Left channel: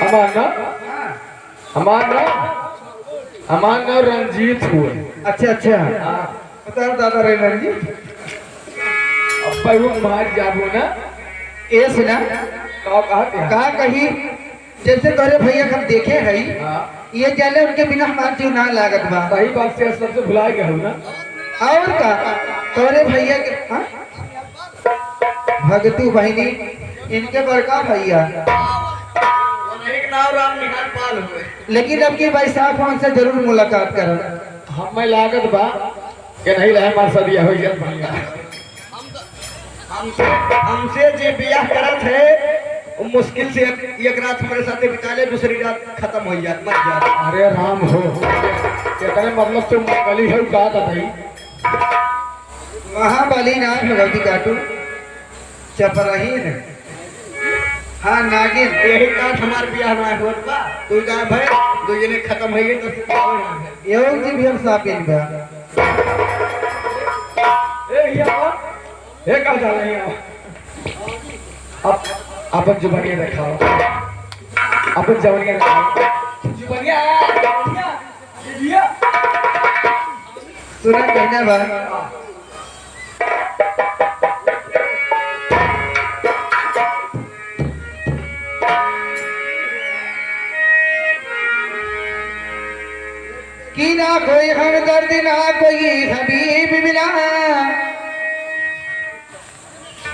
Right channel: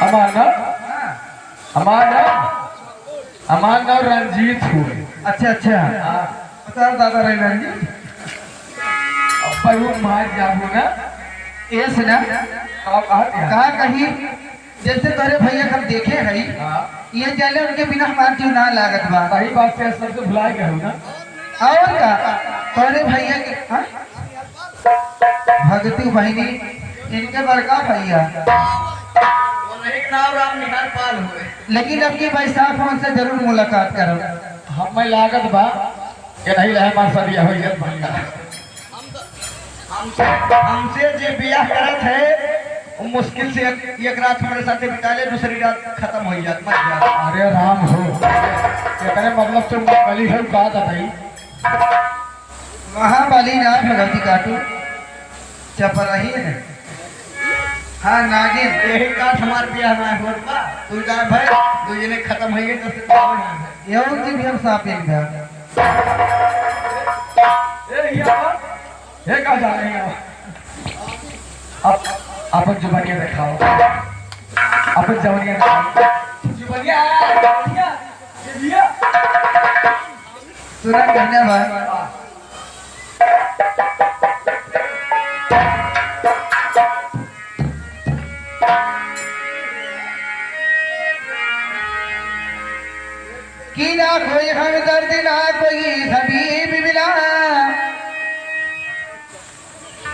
हमारा हमारा हमारा रंजीत हुए। अच्छा अच्छा हाँ बता दादा रहना जी। अब पर वो मार जाबो ना ये सुना कहा कही जैसे तोरे भैया हम देखे है ये जाले उनके बिना हमार जीव ना लागत बा। सही बात से सबसे भुला गया हूँ ना। और का तोरे भैया के भगतू बहनी इनके बड़का भैया एक नाम राम निहाल पाल हुए। लेकिन अब की बैसाख में उनसे जरूर मुलाकात करब। हमें लागत बा कि नहीं रहे मार सदिया हो गया। हमसे जे बियाह करत है वो मुश्किल से एक रात हमारे साथ बिता ले दूसरी रात खत्म हो जात मर जात। अरे राम हो ये मतलब तुम बली है बात है महाबली नाथ भगवती काटू चपरही है। हाँ नागिन यही बात हमारे बियाह में हुआ बा। तू गाय भाई दो जने खत्म हो गए तो फिर क्या होगा। एवं जी भी हम सापिन बा। ये कहाँ जा रहे हैं अब अपन जुबानियाँ दिखाओ। अपन जुबानियाँ दिखाओ। जुबानियाँ सुना कहना बा कि ना कोई हमदर्द ना कोई हबीब मिला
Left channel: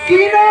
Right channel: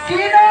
कि ना